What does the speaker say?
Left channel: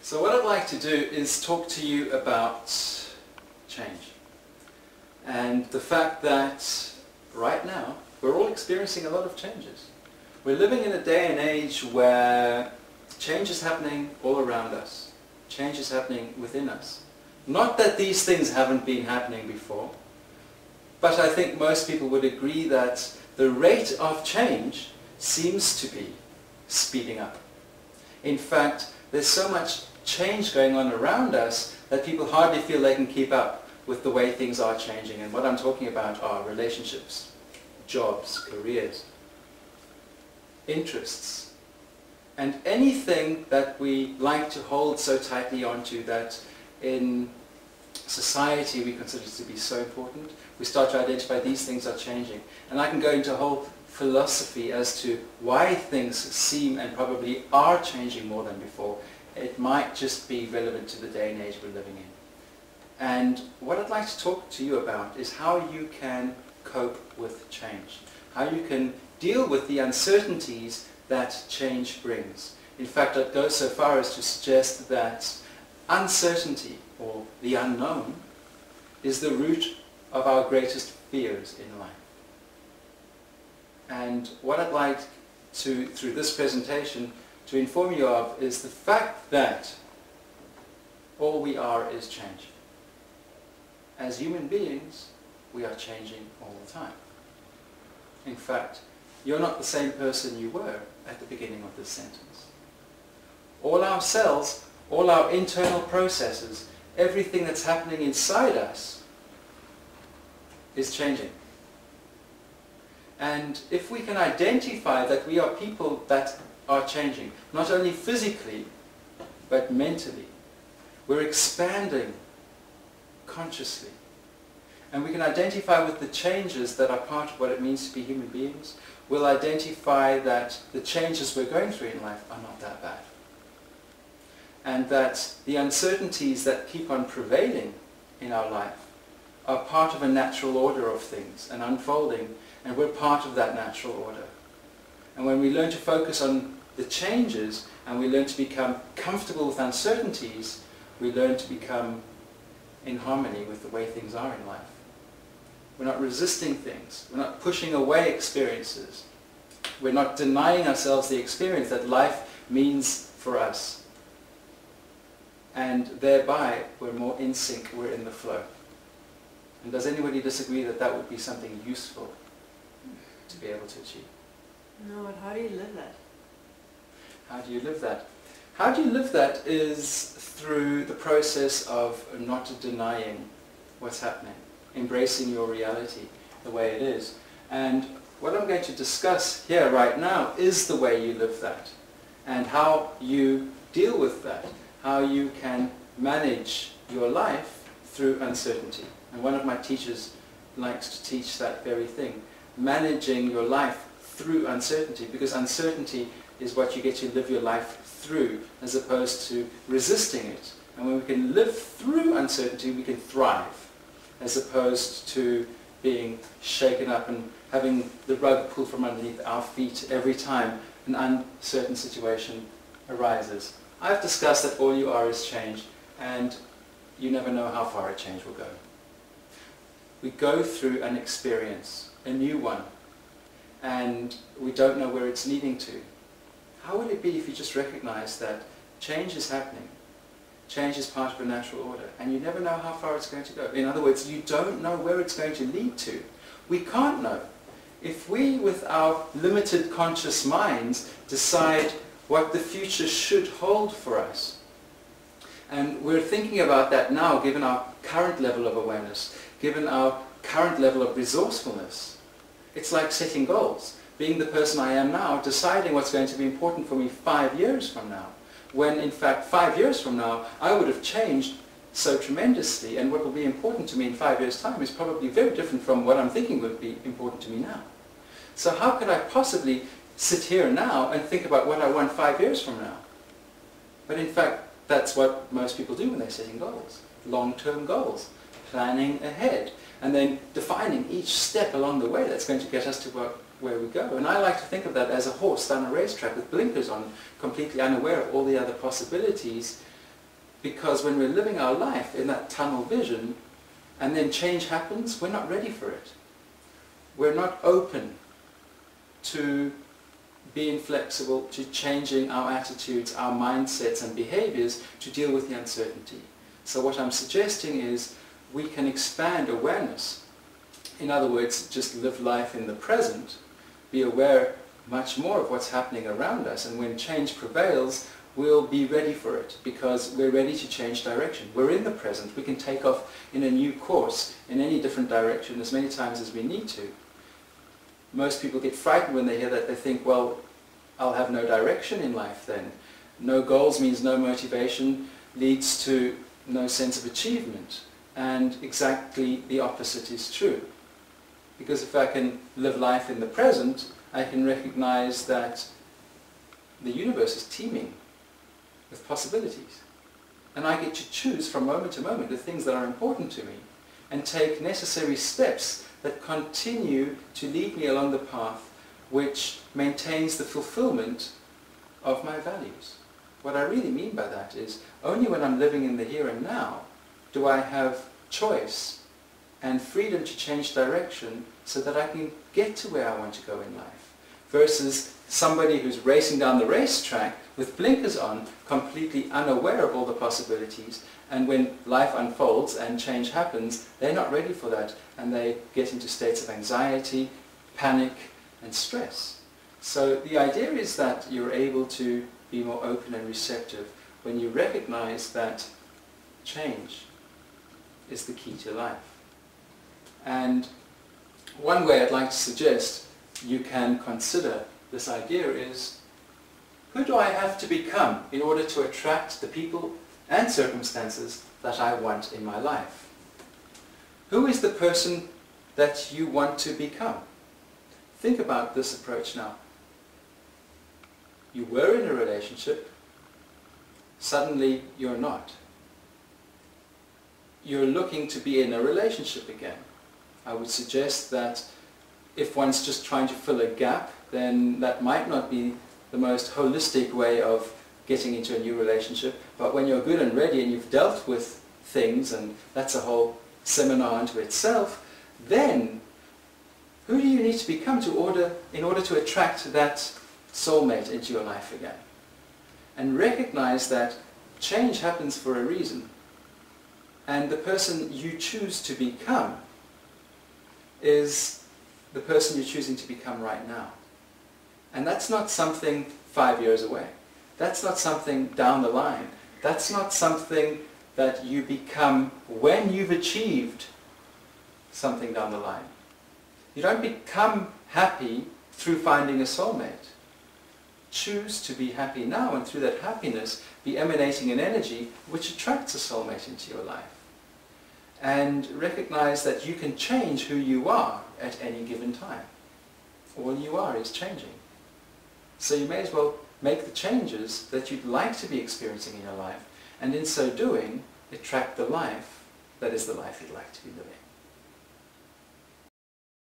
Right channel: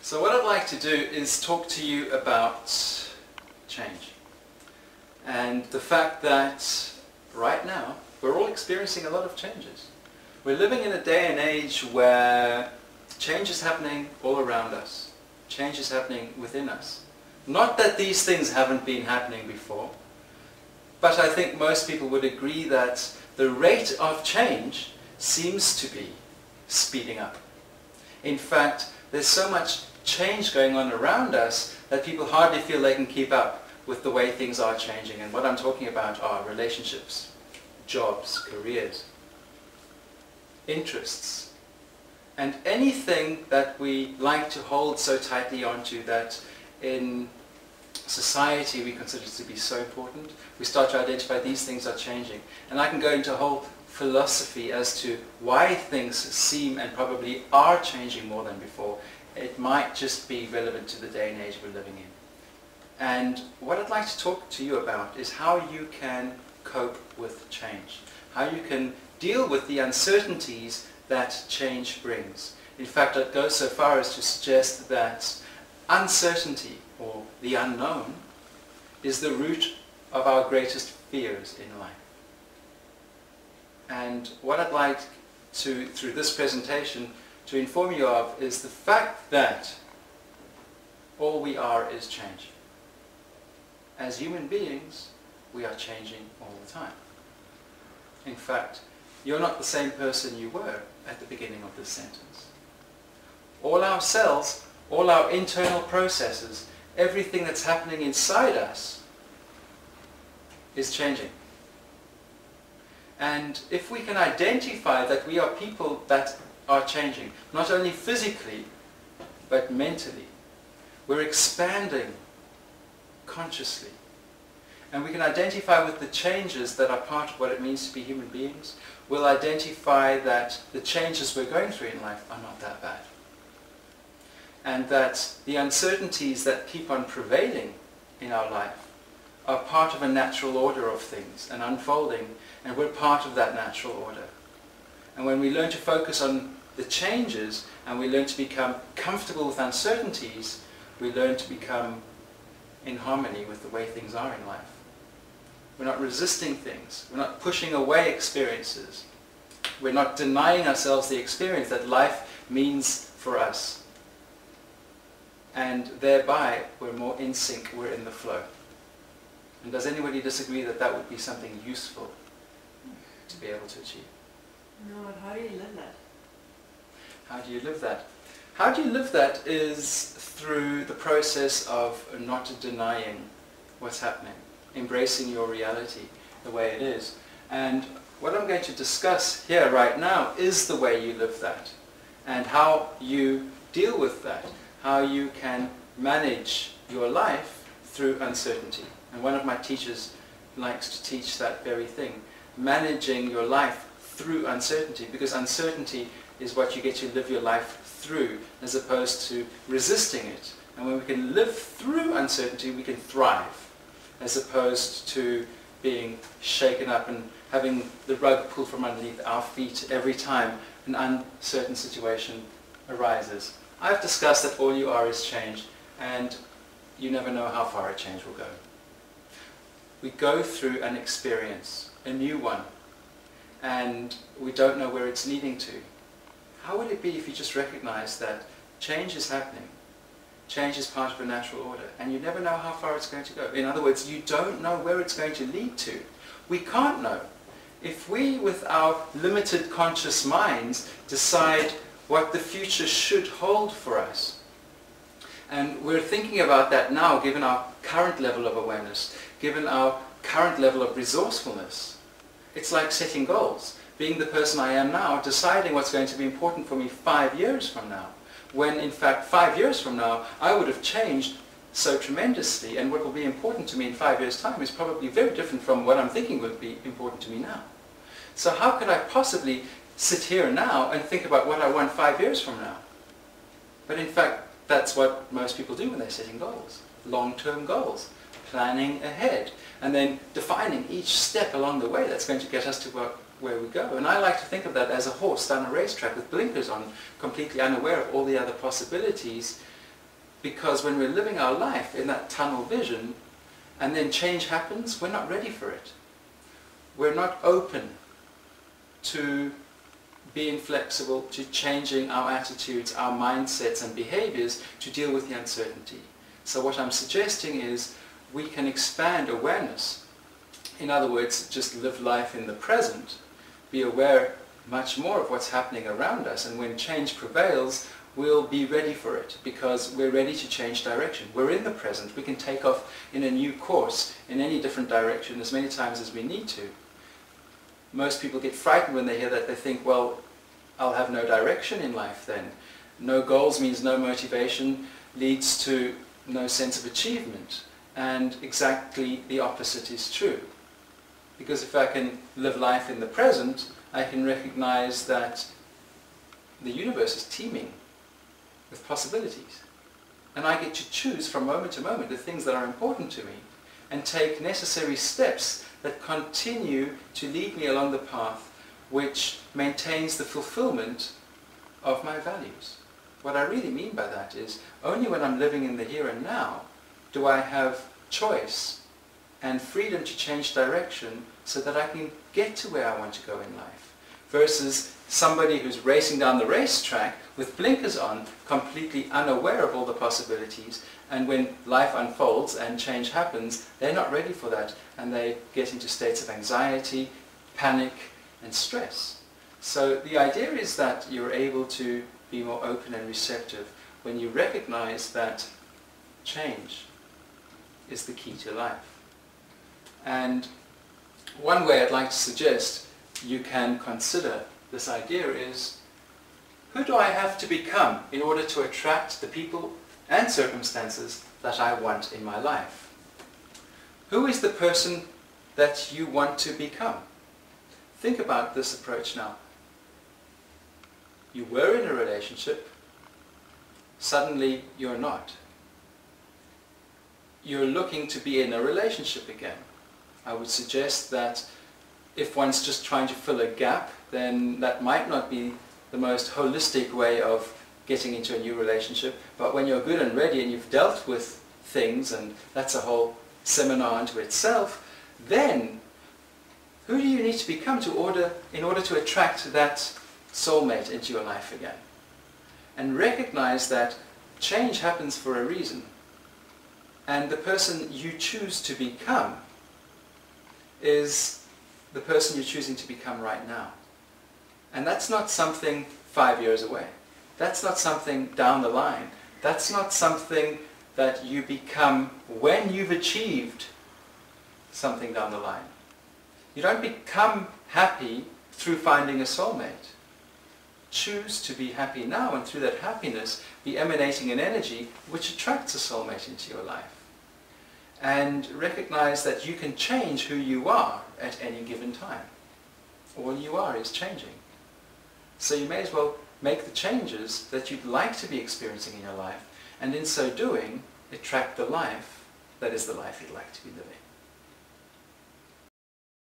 So what I'd like to do is talk to you about change and the fact that right now we're all experiencing a lot of changes. We're living in a day and age where change is happening all around us. Change is happening within us. Not that these things haven't been happening before, but I think most people would agree that the rate of change seems to be speeding up. In fact, there's so much change going on around us that people hardly feel they can keep up with the way things are changing. And what I'm talking about are relationships, jobs, careers, interests, and anything that we like to hold so tightly onto that in society we consider to be so important. We start to identify these things are changing. And I can go into a whole philosophy as to why things seem and probably are changing more than before. It might just be relevant to the day and age we're living in. And what I'd like to talk to you about is how you can cope with change, how you can deal with the uncertainties that change brings. In fact, I'd go so far as to suggest that uncertainty, or the unknown, is the root of our greatest fears in life. And what I'd like to, through this presentation, to inform you of is the fact that all we are is change. As human beings, we are changing all the time. In fact, you're not the same person you were at the beginning of this sentence. All our cells, all our internal processes, everything that's happening inside us is changing. And if we can identify that we are people that are changing, not only physically, but mentally, we're expanding consciously. And we can identify with the changes that are part of what it means to be human beings. We'll identify that the changes we're going through in life are not that bad. And that the uncertainties that keep on prevailing in our life are part of a natural order of things and unfolding, and we're part of that natural order. And when we learn to focus on the changes and we learn to become comfortable with uncertainties, we learn to become in harmony with the way things are in life. We're not resisting things. We're not pushing away experiences. We're not denying ourselves the experience that life means for us. And thereby, we're more in sync, we're in the flow. And does anybody disagree that that would be something useful to be able to achieve? No, but how do you live that? How do you live that? How do you live that is through the process of not denying what's happening, embracing your reality the way it is. And what I'm going to discuss here right now is the way you live that and how you deal with that, how you can manage your life through uncertainty. And one of my teachers likes to teach that very thing, managing your life through uncertainty, because uncertainty is what you get to live your life through as opposed to resisting it. And when we can live through uncertainty, we can thrive as opposed to being shaken up and having the rug pulled from underneath our feet every time an uncertain situation arises. I've discussed that all you are is change, and you never know how far a change will go. We go through an experience, a new one, and we don't know where it's leading to. How would it be if you just recognize that change is happening? Change is part of a natural order, and you never know how far it's going to go. In other words, you don't know where it's going to lead to. We can't know. If we, with our limited conscious minds, decide what the future should hold for us, and we're thinking about that now, given our current level of awareness, given our current level of resourcefulness, it's like setting goals. Being the person I am now, deciding what's going to be important for me 5 years from now, when in fact 5 years from now I would have changed so tremendously, and what will be important to me in 5 years' time is probably very different from what I'm thinking would be important to me now. So how could I possibly sit here now and think about what I want 5 years from now? But in fact, that's what most people do when they're setting goals, long-term goals, planning ahead, and then defining each step along the way that's going to get us to where we go. And I like to think of that as a horse down a racetrack with blinkers on, completely unaware of all the other possibilities, because when we're living our life in that tunnel vision and then change happens, we're not ready for it. We're not open to being flexible, to changing our attitudes, our mindsets and behaviors to deal with the uncertainty. So what I'm suggesting is we can expand awareness. In other words, just live life in the present, be aware much more of what's happening around us, and when change prevails, we'll be ready for it because we're ready to change direction. We're in the present. We can take off in a new course in any different direction as many times as we need to. Most people get frightened when they hear that. They think, well, I'll have no direction in life then. No goals means no motivation, leads to no sense of achievement. And exactly the opposite is true. Because if I can live life in the present, I can recognize that the universe is teeming with possibilities. And I get to choose from moment to moment the things that are important to me and take necessary steps that continue to lead me along the path which maintains the fulfillment of my values. What I really mean by that is only when I'm living in the here and now do I have choice and freedom to change direction so that I can get to where I want to go in life, versus somebody who's racing down the racetrack with blinkers on, completely unaware of all the possibilities, and when life unfolds and change happens, they're not ready for that and they get into states of anxiety, panic and stress. So the idea is that you're able to be more open and receptive when you recognize that change is the key to life. And one way I'd like to suggest you can consider this idea is, who do I have to become in order to attract the people and circumstances that I want in my life? Who is the person that you want to become? Think about this approach now. You were in a relationship, suddenly you're not. You're looking to be in a relationship again. I would suggest that if one's just trying to fill a gap, then that might not be the most holistic way of getting into a new relationship. But when you're good and ready and you've dealt with things, and that's a whole seminar unto itself, then who do you need to become in order to attract that soulmate into your life again? And recognize that change happens for a reason. And the person you choose to become is the person you're choosing to become right now. And that's not something 5 years away. That's not something down the line. That's not something that you become when you've achieved something down the line. You don't become happy through finding a soulmate. Choose to be happy now, and through that happiness be emanating an energy which attracts a soulmate into your life. And recognize that you can change who you are at any given time. All you are is changing. So you may as well make the changes that you'd like to be experiencing in your life, and in so doing, attract the life that is the life you'd like to be living.